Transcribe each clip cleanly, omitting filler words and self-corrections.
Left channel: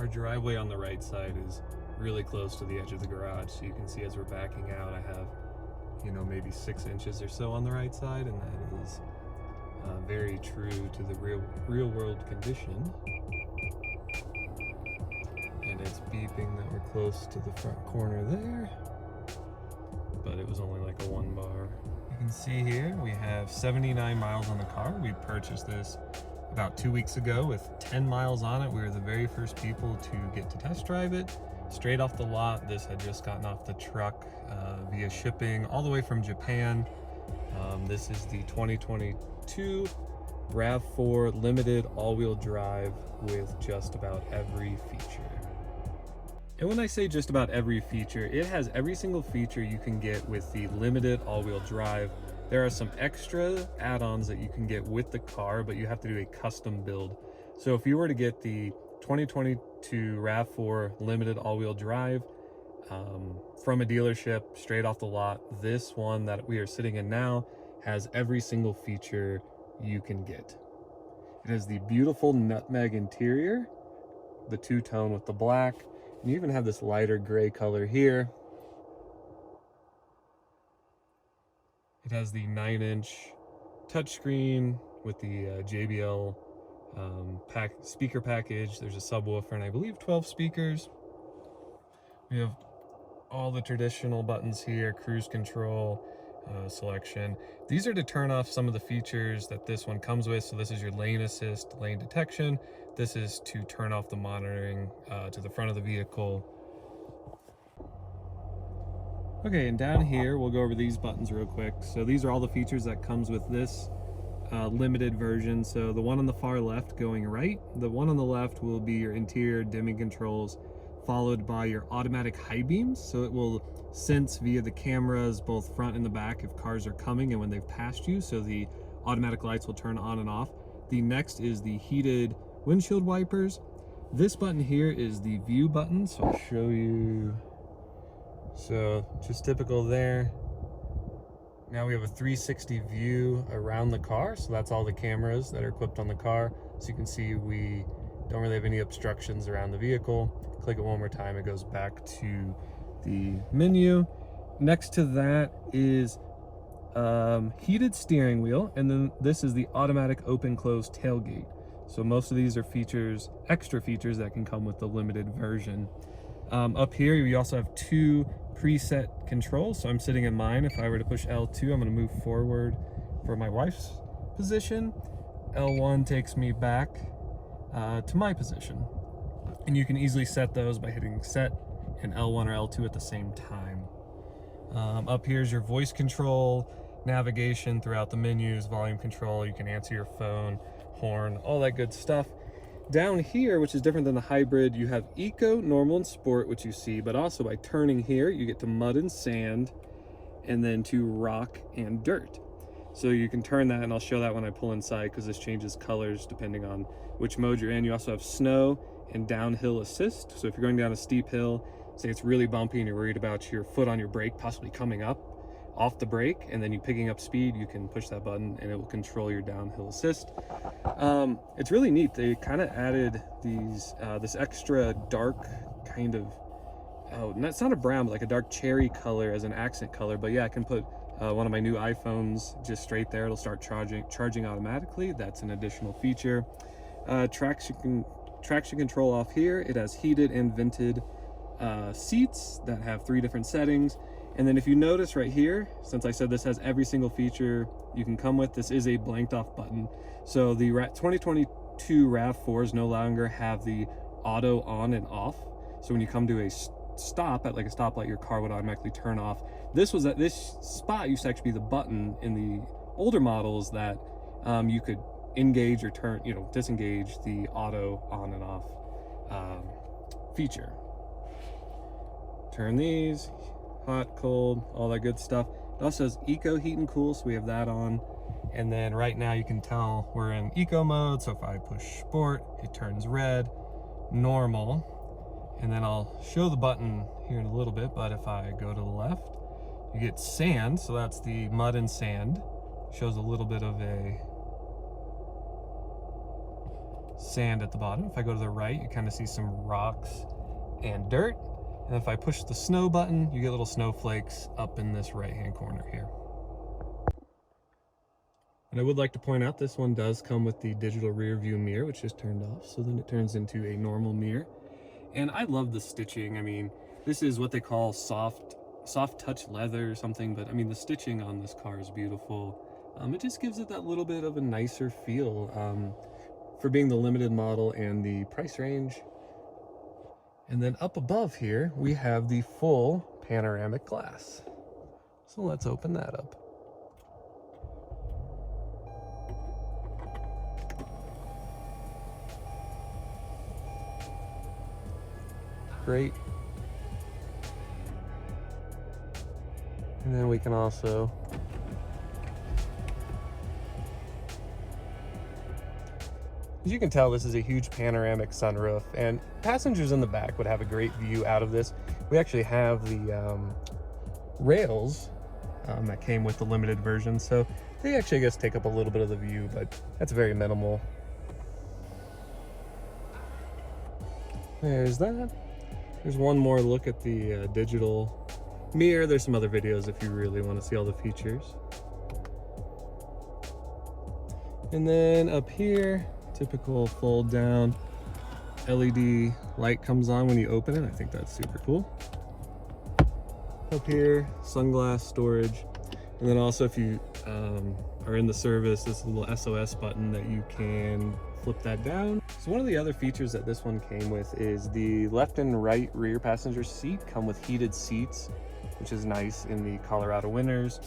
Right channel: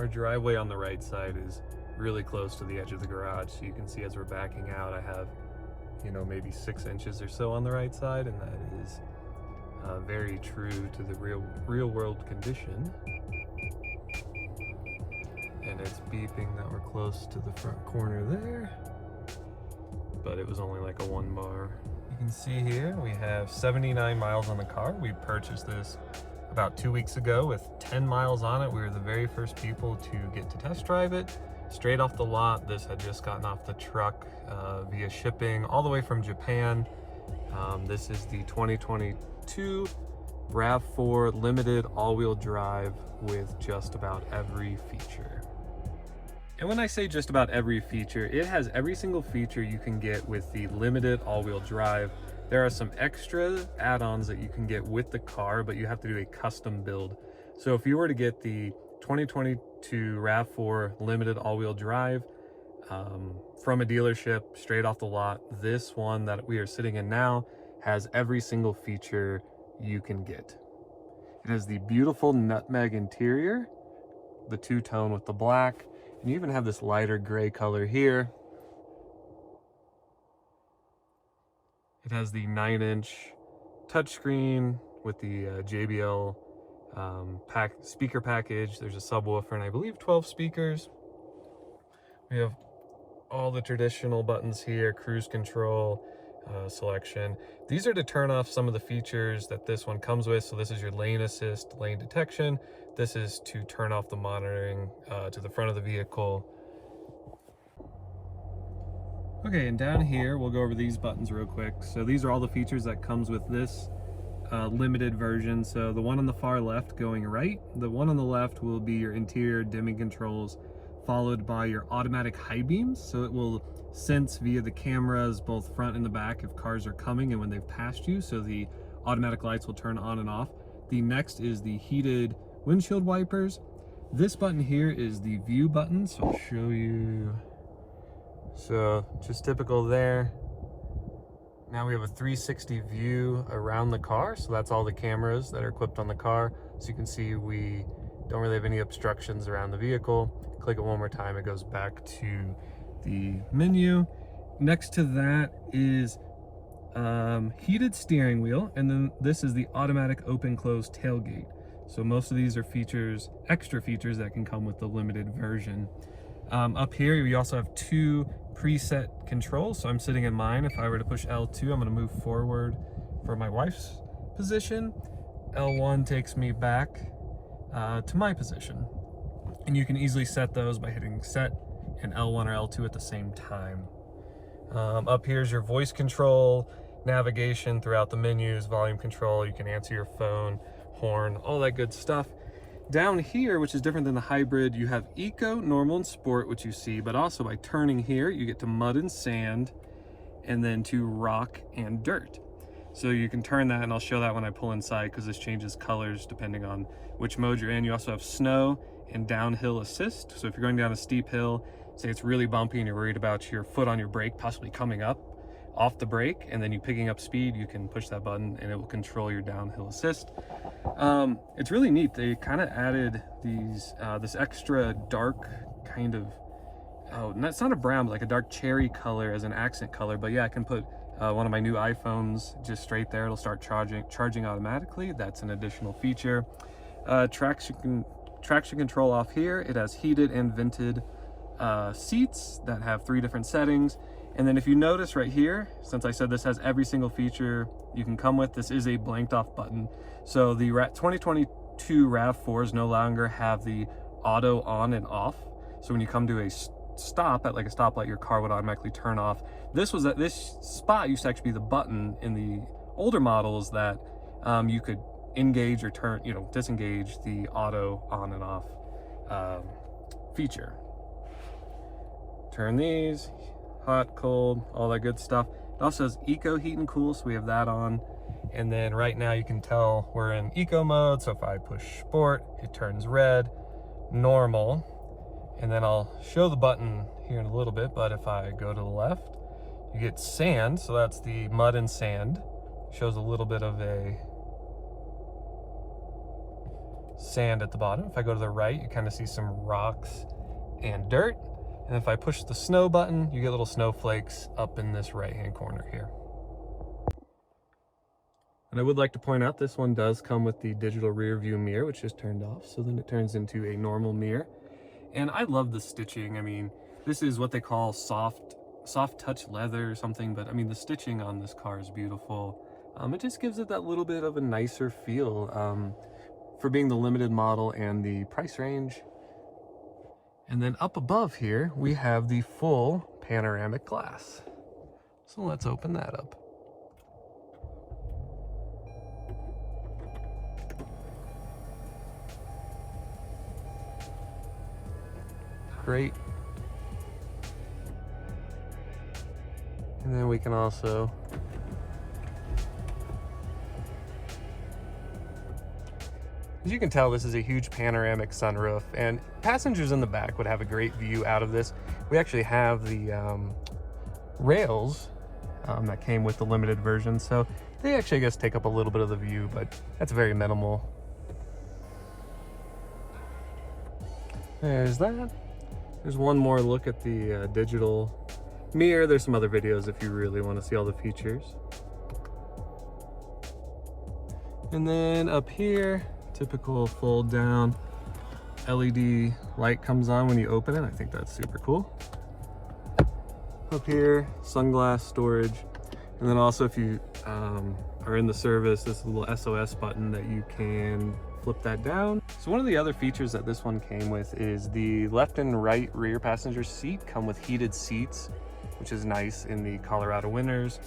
Our driveway on the right side is really close to the edge of the garage, so you can see as we're backing out, I have, you know, maybe 6 inches or so on the right side, and that is very true to the real world condition. And it's beeping that we're close to the front corner there, but it was only like a 1 bar. You can see here we have 79 miles on the car. We purchased this about 2 weeks ago with 10 miles on it. We were the very first people to get to test drive it. Straight off the lot, this had just gotten off the truck via shipping all the way from Japan. This is the 2022 RAV4 limited all-wheel drive with just about every feature. And when I say just about every feature, it has every single feature you can get with the limited all-wheel drive. There are some extra add-ons that you can get with the car, but you have to do a custom build. So if you were to get the 2022 RAV4 limited all-wheel drive from a dealership straight off the lot, this one that we are sitting in now has every single feature you can get. It has the beautiful nutmeg interior, the two-tone with the black. You even have this lighter gray color here. It has the 9-inch touchscreen with the JBL speaker package. There's a subwoofer and I believe 12 speakers. We have all the traditional buttons here, cruise control, selection. These are to turn off some of the features that this one comes with. So this is your lane assist, lane detection. This is to turn off the monitoring to the front of the vehicle. Okay, and down here, we'll go over these buttons real quick. So these are all the features that comes with this limited version. So the one on the far left going right, the one on the left will be your interior dimming controls, followed by your automatic high beams. So it will sense via the cameras, both front and the back, if cars are coming and when they've passed you. So the automatic lights will turn on and off. The next is the heated windshield wipers. This button here is the view button. So I'll show you. So just typical there. Now we have a 360 view around the car. So that's all the cameras that are equipped on the car. So you can see we don't really have any obstructions around the vehicle. Click it one more time, it goes back to the menu. Next to that is heated steering wheel, and then this is the automatic open close tailgate. So most of these are features, extra features that can come with the limited version. Up here we also have 2 preset controls. So I'm sitting in mine. If I were to push L2, I'm going to move forward for my wife's position. L1 takes me back to my position. And you can easily set those by hitting set and L1 or L2 at the same time. Up here is your voice control, navigation throughout the menus, volume control. You can answer your phone, horn, all that good stuff. Down here, which is different than the hybrid, you have eco, normal, and sport, which you see, but also by turning here, you get to mud and sand, and then to rock and dirt. So you can turn that, and I'll show that when I pull inside, because this changes colors depending on which mode you're in. You also have snow and downhill assist. So if you're going down a steep hill, say it's really bumpy and you're worried about your foot on your brake possibly coming up off the brake, and then you picking up speed, you can push that button and it will control your downhill assist. It's really neat. They kind of added these this extra dark kind of, it's not a brown, but like a dark cherry color as an accent color. But yeah, I can put one of my new iPhones just straight there. It'll start charging automatically. That's an additional feature. Traction control off here. It has heated and vented seats that have 3 different settings. And then if you notice right here, since I said this has every single feature you can come with, this is a blanked off button. So the 2022 RAV4s no longer have the auto on and off. So when you come to a stop at like a stoplight, your car would automatically turn off. This spot used to actually be the button in the older models that you could engage or turn, disengage the auto on and off feature. Turn these, hot, cold, all that good stuff. It also has eco heat and cool, so we have that on. And then right now you can tell we're in eco mode. So if I push sport, it turns red, normal. And then I'll show the button here in a little bit, but if I go to the left, you get sand. So that's the mud and sand. Shows a little bit of a sand at the bottom. If I go to the right, you kind of see some rocks and dirt. And if I push the snow button, you get little snowflakes up in this right-hand corner here. And I would like to point out this one does come with the digital rear view mirror, which is turned off. So then it turns into a normal mirror. And I love the stitching. I mean, this is what they call soft touch leather or something, but I mean, the stitching on this car is beautiful. It just gives it that little bit of a nicer feel for being the limited model and the price range. And then up above here, we have the full panoramic glass. So let's open that up. Great. And then we can also as you can tell, this is a huge panoramic sunroof, and passengers in the back would have a great view out of this. We actually have the rails that came with the limited version, so they actually, I guess, take up a little bit of the view, but that's very minimal. There's that. There's one more look at the digital mirror. There's some other videos if you really want to see all the features. And then up here, typical fold down LED light comes on when you open it. I think that's super cool. Up here, sunglass storage. And then also if you are in the service, this little SOS button that you can flip that down. So one of the other features that this one came with is the left and right rear passenger seat come with heated seats, which is nice in the Colorado winters.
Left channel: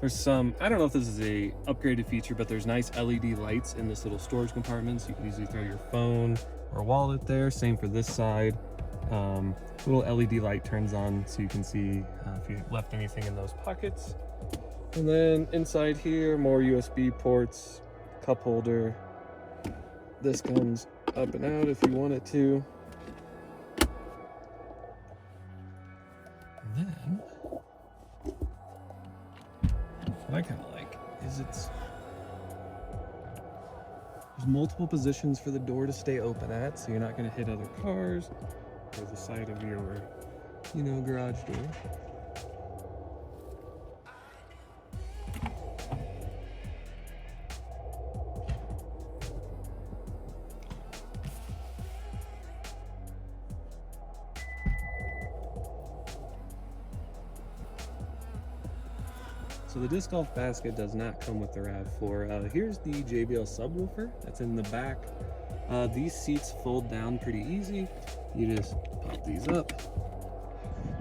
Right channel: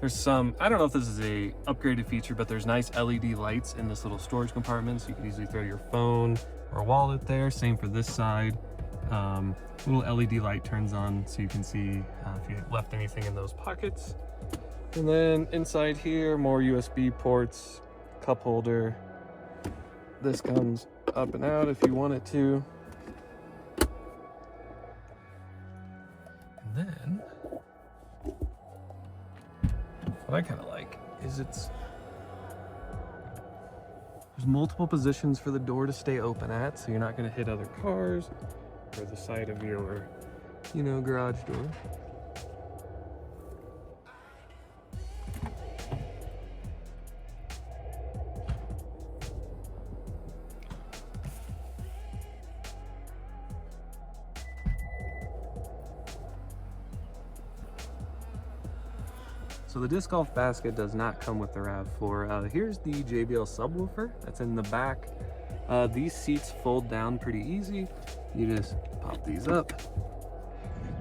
There's some, I don't know if this is a upgraded feature, but there's nice LED lights in this little storage compartment, so you can easily throw your phone or wallet there. Same for this side. Little LED light turns on so you can see if you left anything in those pockets. And then inside here, more USB ports, cup holder. This comes up and out if you want it to. And then, what I kind of like is there's multiple positions for the door to stay open at, so you're not going to hit other cars or the side of your, garage door. So the disc golf basket does not come with the RAV4. Here's the JBL subwoofer that's in the back. These seats fold down pretty easy. You just pop these up.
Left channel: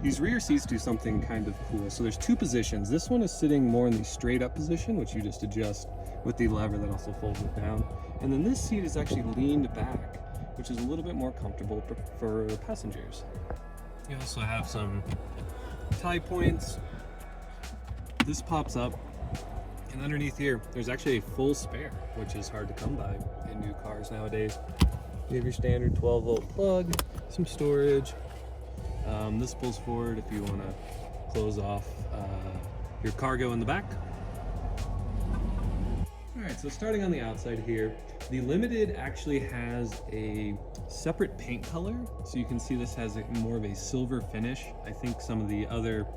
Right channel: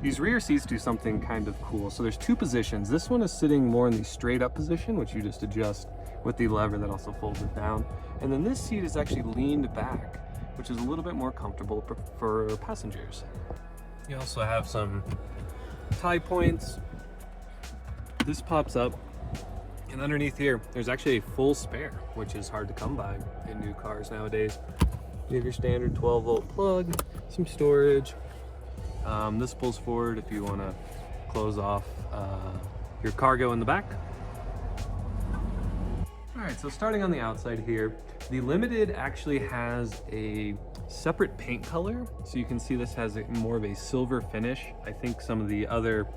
These rear seats do something kind of cool. So there's two positions. This one is sitting more in the straight up position, which you just adjust with the lever that also folds it down. And then this seat is actually leaned back, which is a little bit more comfortable for passengers. You also have some tie points. This pops up, and underneath here, there's actually a full spare, which is hard to come by in new cars nowadays. You have your standard 12-volt plug, some storage. This pulls forward if you want to close off your cargo in the back. All right, so starting on the outside here, the Limited actually has a separate paint color. So you can see this has more of a silver finish. I think some of the other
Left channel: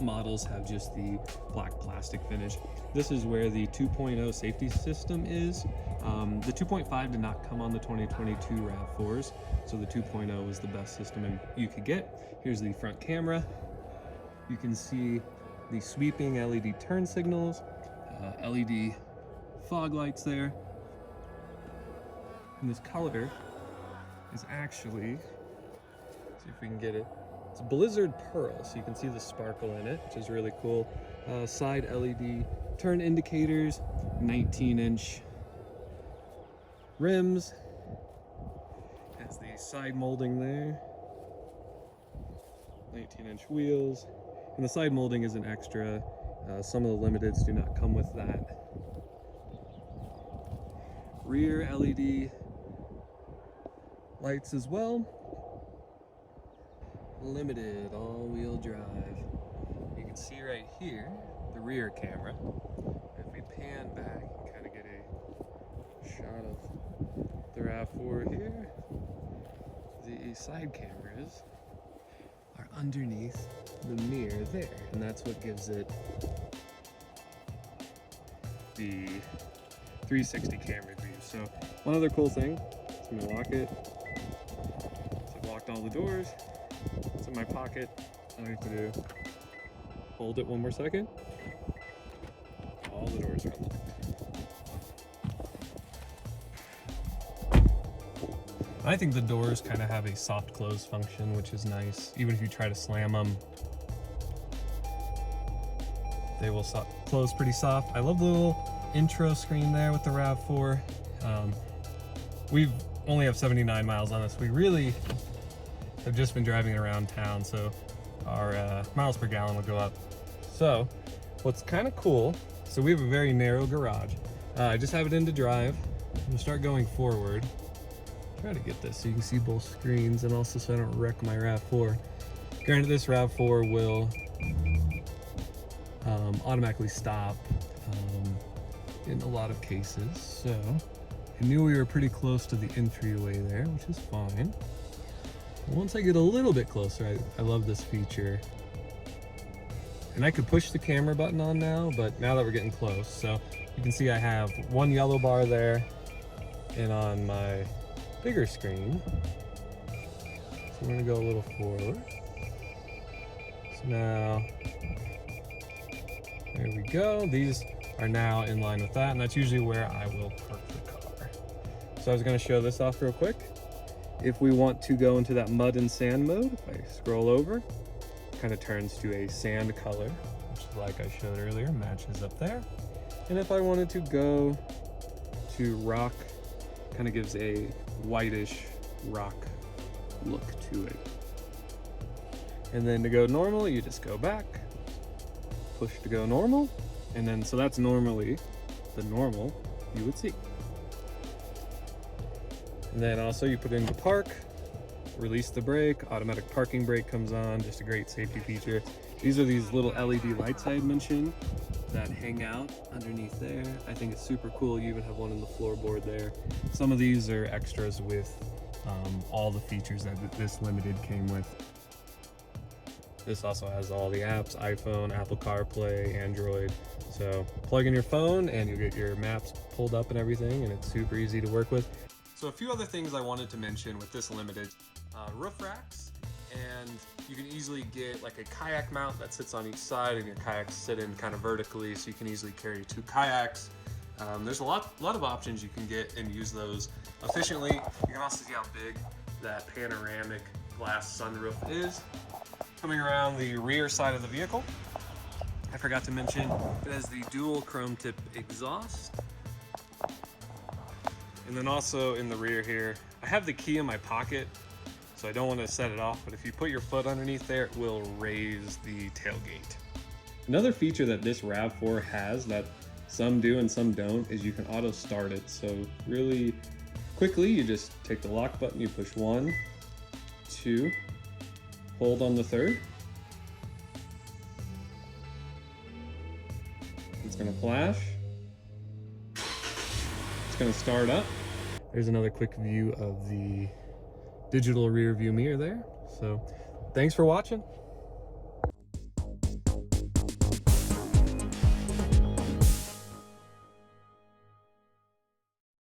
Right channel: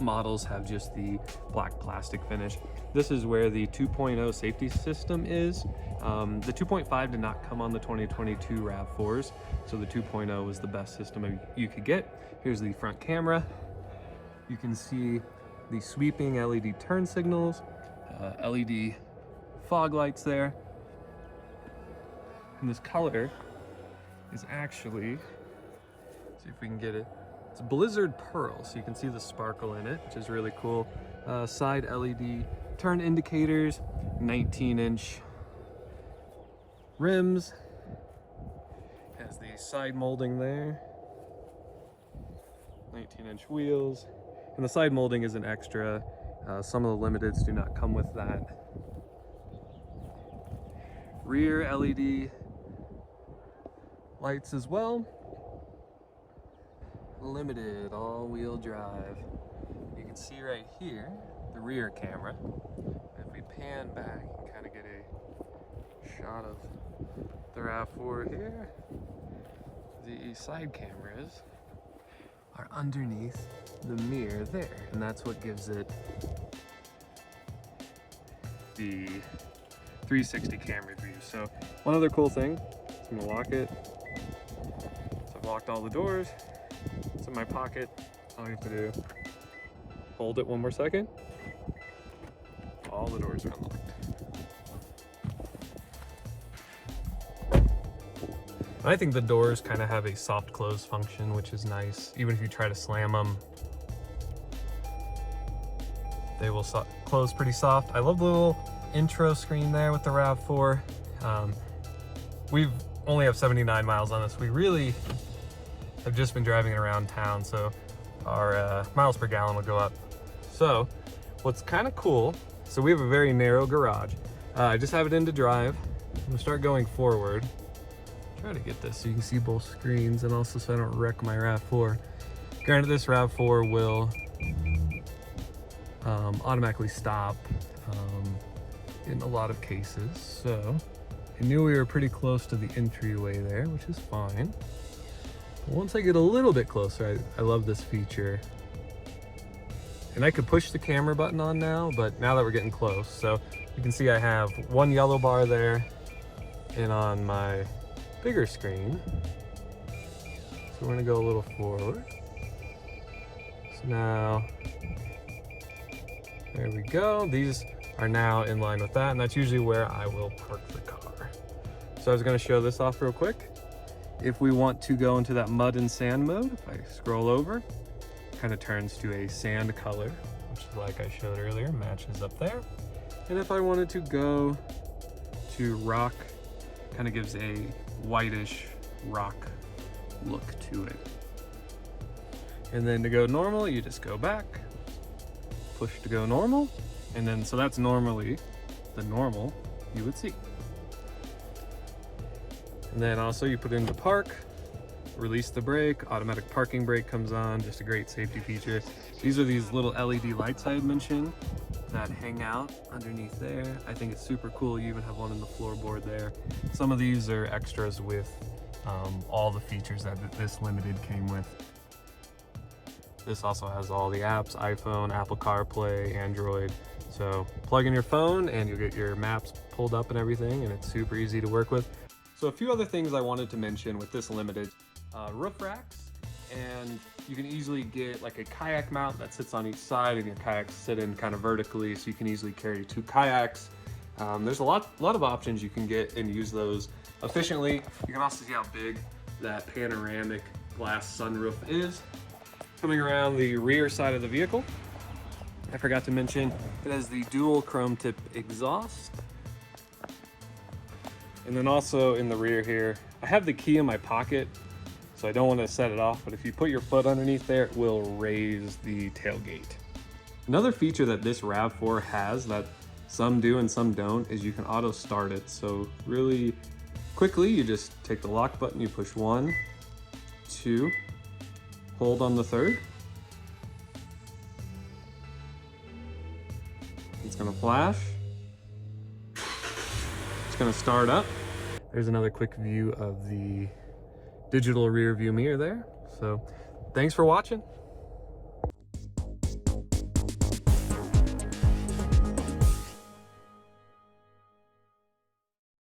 models have just the black plastic finish. This is where the 2.0 safety system is. The 2.5 did not come on the 2022 RAV4s, so the 2.0 was the best system you could get. Here's the front camera. You can see the sweeping LED turn signals, LED fog lights there. And this color is actually, see if we can get it, it's Blizzard Pearl, so you can see the sparkle in it, which is really cool. Side LED turn indicators, 19-inch rims, has the side molding there, 19-inch wheels, and the side molding is an extra. Some of the Limiteds do not come with that. Rear LED lights as well. Limited all-wheel drive. You can see right here the rear camera. If we pan back, you can kind of get a shot of the the RAV4 here. The side cameras are underneath the mirror there, and that's what gives it the 360 camera view. So one other cool thing, I'm gonna lock it. So I've locked all the doors. It's in my pocket. All I have to do, hold it one more second. All the doors are unlocked. I think the doors kind of have a soft close function, which is nice. Even if you try to slam them, they will close pretty soft. I love the little intro screen there with the RAV4. We only have 79 miles on us. We really have just been driving it around town, so our miles per gallon will go up. So what's kind of cool, so we have a very narrow garage. I just have it into drive. I'm gonna start going forward. Try to get this so you can see both screens and also so I don't wreck my RAV4. Granted, this RAV4 will automatically stop in a lot of cases, so I knew we were pretty close to the entryway there, which is fine. Once I get a little bit closer, I love this feature. And I could push the camera button on now, but now that we're getting close, so you can see I have one yellow bar there, and on my bigger screen, so we're gonna go a little forward. So now, there we go. These are now in line with that, and that's usually where I will park the car. So I was gonna show this off real quick. If we want to go into that mud and sand mode, if I scroll over, it kind of turns to a sand color, which like I showed earlier, matches up there. And if I wanted to go to rock, kind of gives a whitish rock look to it. And then to go normal, you just go back, push to go normal, and then so that's normally the normal you would see. And then also you put into park, release the brake, automatic parking brake comes on, just a great safety feature. These are these little LED lights I had mentioned that hang out underneath there. I think it's super cool. You even have one in the floorboard there. Some of these are extras with all the features that this Limited came with. This also has all the apps, iPhone, Apple CarPlay, Android. So plug in your phone and you'll get your maps pulled up and everything, and it's super easy to work with. So a few other things I wanted to mention with this Limited. Roof racks, and you can easily get like a kayak mount that sits on each side, and your kayaks sit in kind of vertically, so you can easily carry 2 kayaks. There's a lot of options you can get and use those efficiently. You can also see how big that panoramic glass sunroof is. Coming around the rear side of the vehicle, I forgot to mention it has the dual chrome tip exhaust. And then also in the rear here, I have the key in my pocket, so I don't want to set it off, but if you put your foot underneath there, it will raise the tailgate. Another feature that this RAV4 has that some do and some don't is you can auto start it. So really quickly, you just take the lock button, you push 1, 2, hold on the 3rd. It's gonna flash. It's gonna start up. There's another quick view of the digital rear view mirror there. So thanks for watching.